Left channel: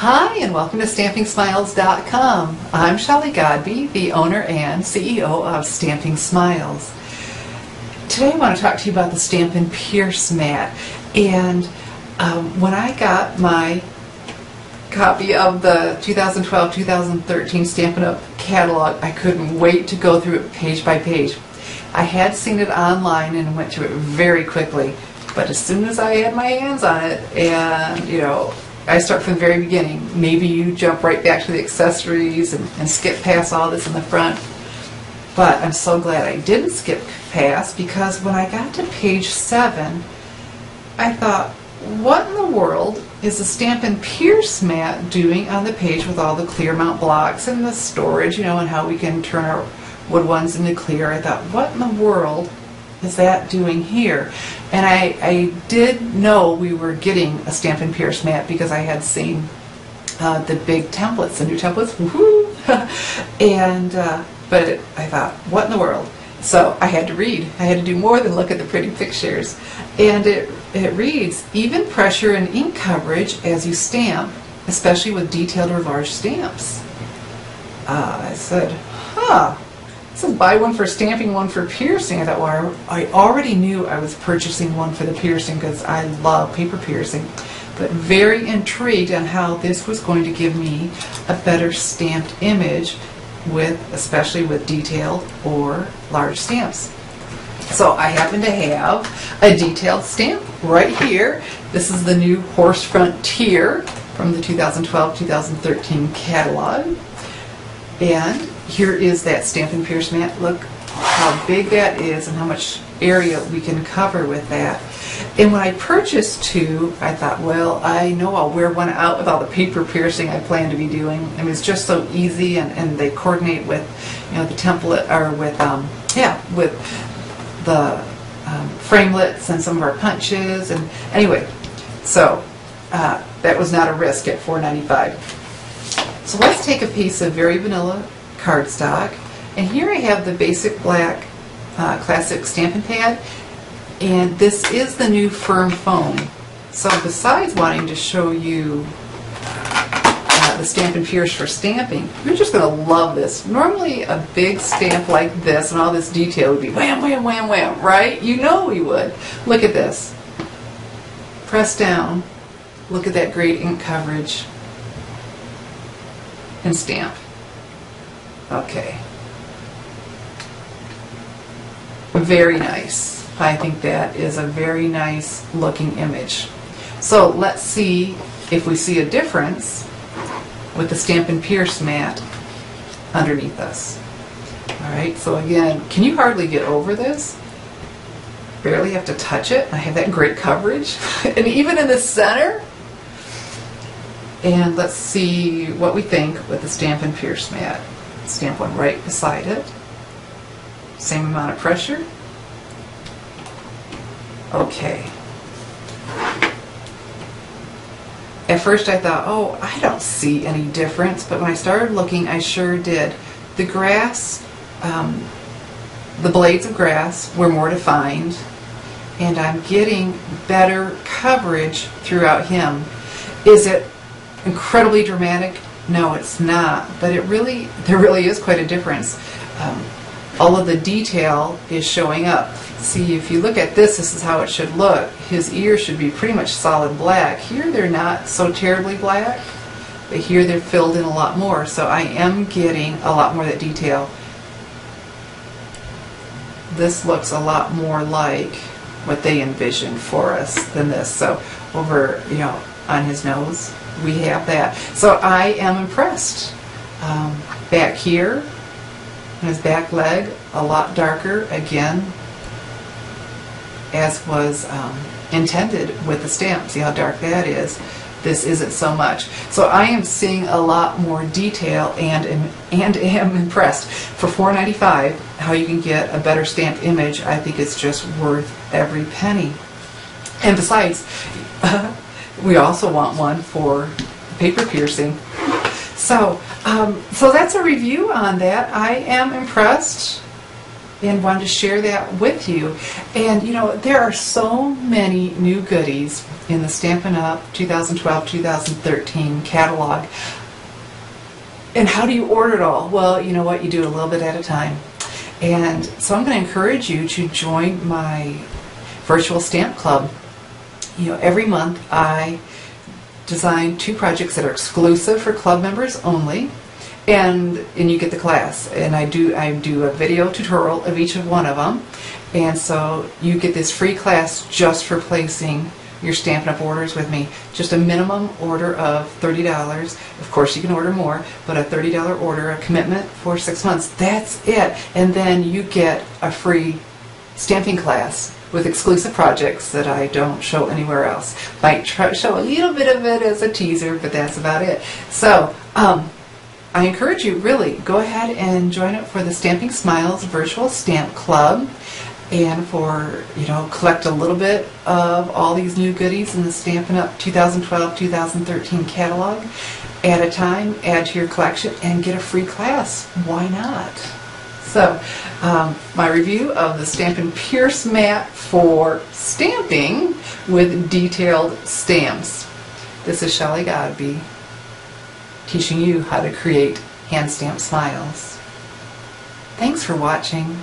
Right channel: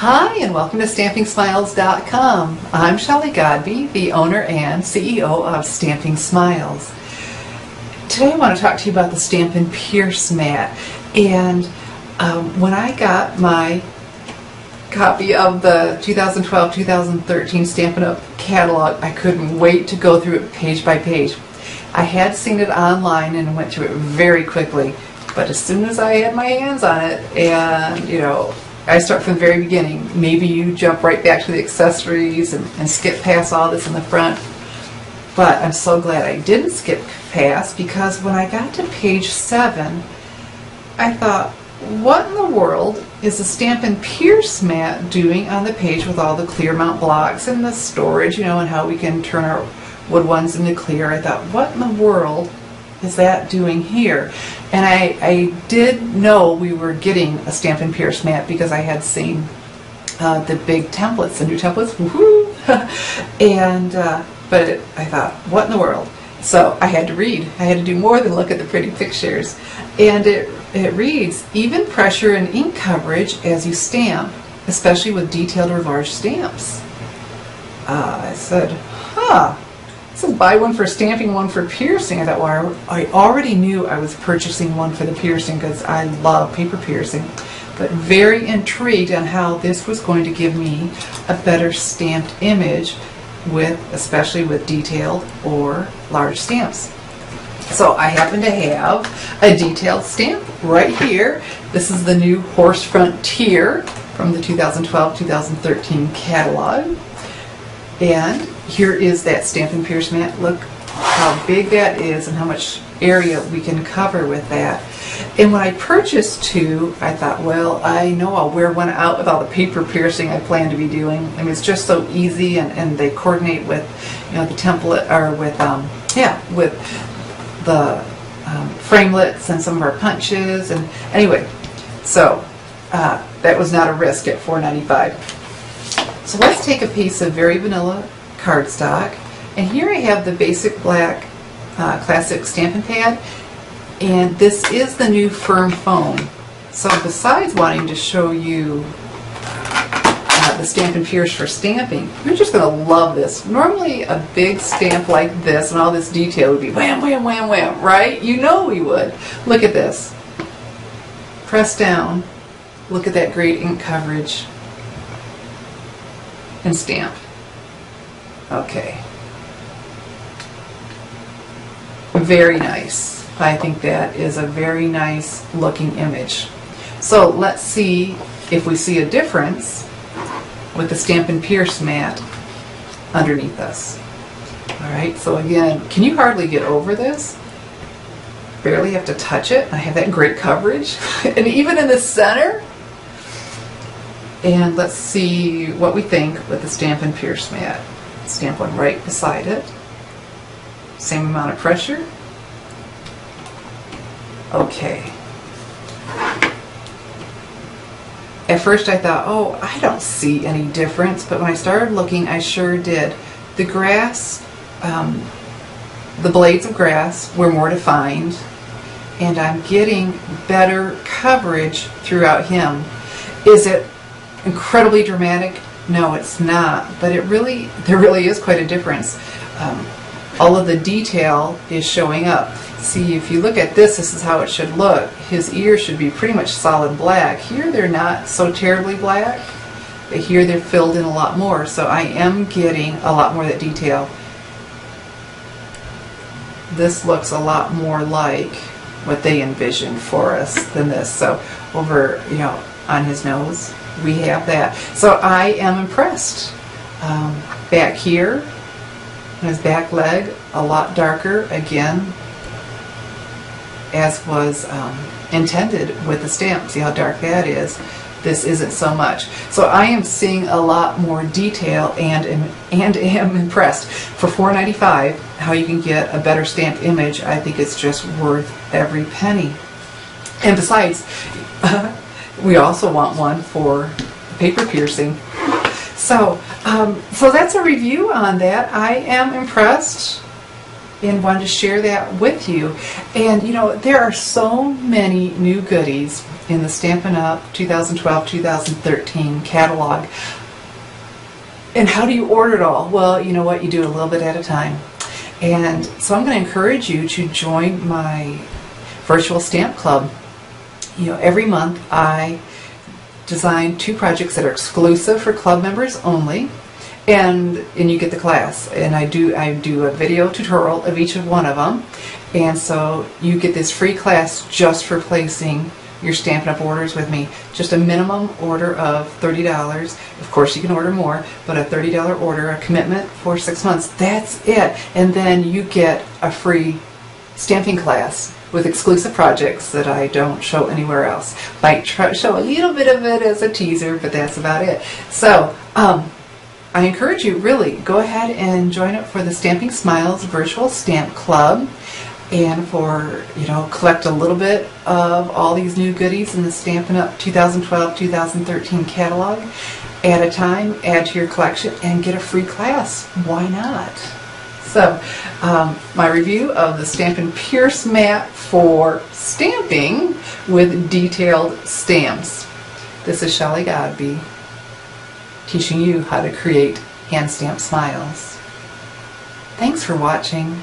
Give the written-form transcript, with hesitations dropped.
Hi, and welcome to StampingSmiles.com. I'm Shelley Godby, the owner and CEO of Stamping Smiles. Today I want to talk to you about the Stampin' Pierce mat. And when I got my copy of the 2012-2013 Stampin' Up! Catalog, I couldn't wait to go through it page by page. I had seen it online and went through it very quickly, but as soon as I had my hands on it, and I start from the very beginning. Maybe you jump right back to the accessories and skip past all this in the front. But I'm so glad I didn't skip past, because when I got to page 7, I thought, what in the world is the Stampin' Pierce mat doing on the page with all the clear mount blocks and the storage, and how we can turn our wood ones into clear? I thought, what in the world is that doing here? And I did know we were getting a Stampin' Pierce mat because I had seen the big templates, the new templates, woohoo! But I thought, what in the world? So I had to read. I had to do more than look at the pretty pictures. And it reads, even pressure and ink coverage as you stamp, especially with detailed or large stamps. I said, huh. It says buy one for stamping, one for piercing. I thought, well, I already knew I was purchasing one for the piercing because I love paper piercing, but very intrigued on how this was going to give me a better stamped image, especially with detailed or large stamps. So I happen to have a detailed stamp right here. This is the new Horse Frontier from the 2012-2013 catalog. And here is that Stampin' Pierce mat. Look how big that is and how much area we can cover with that. And when I purchased two, I thought, well, I know I'll wear one out with all the paper piercing I plan to be doing. I mean, it's just so easy, and they coordinate with, the template, or with the framelits and some of our punches. And anyway, so that was not a risk at $4.95. So let's take a piece of very vanilla cardstock, and here I have the basic black classic Stampin' Pad, and this is the new firm foam. So besides wanting to show you the Stampin' Pierce for stamping, you're just going to love this. Normally a big stamp like this and all this detail would be wham, wham, wham, wham, right? You know we would. Look at this. Press down. Look at that great ink coverage. And stamp. Okay. Very nice. I think that is a very nice looking image. So let's see if we see a difference with the Stampin' Pierce mat underneath us. Alright, so again, can you hardly get over this? Barely have to touch it. I have that great coverage. And even in the center. And let's see what we think with the Stampin' Pierce mat. Stamp one right beside it. Same amount of pressure. Okay. At first I thought, oh, I don't see any difference, but when I started looking, I sure did. The grass, the blades of grass were more defined, and I'm getting better coverage throughout him. Is it incredibly dramatic? No, it's not, but there really is quite a difference. All of the detail is showing up. See, if you look at this is how it should look. His ears should be pretty much solid black. Here they're not so terribly black, but here they're filled in a lot more, so I am getting a lot more of that detail. This looks a lot more like what they envisioned for us than this. So over, on his nose, we have that. So I am impressed. Back here, his back leg, a lot darker, again, as was intended with the stamp. See how dark that is? This isn't so much. So I am seeing a lot more detail and am impressed. For $4.95, how you can get a better stamped image, I think it's just worth every penny. And besides, we also want one for paper piercing. So that's a review on that. I am impressed. and wanted to share that with you. And you know, there are so many new goodies in the Stampin' Up! 2012-2013 catalog. And how do you order it all? Well, you know what, you do it a little bit at a time. And so I'm going to encourage you to join my virtual stamp club. You know, every month I design 2 projects that are exclusive for club members only. And you get the class, and I do a video tutorial of each of one of them, and so you get this free class just for placing your Stampin' Up! Orders with me. Just a minimum order of $30. Of course you can order more, but a $30 order, a commitment for 6 months, that's it. And then you get a free stamping class with exclusive projects that I don't show anywhere else. Might show a little bit of it as a teaser, but that's about it. So I encourage you, really, go ahead and join up for the Stamping Smiles Virtual Stamp Club, and for, you know, collect a little bit of all these new goodies in the Stampin' Up! 2012-2013 catalog at a time, add to your collection, and get a free class. Why not? So, my review of the Stampin' Pierce mat for stamping with detailed stamps. This is Shelley Godby, teaching you how to create hand-stamped smiles. Thanks for watching.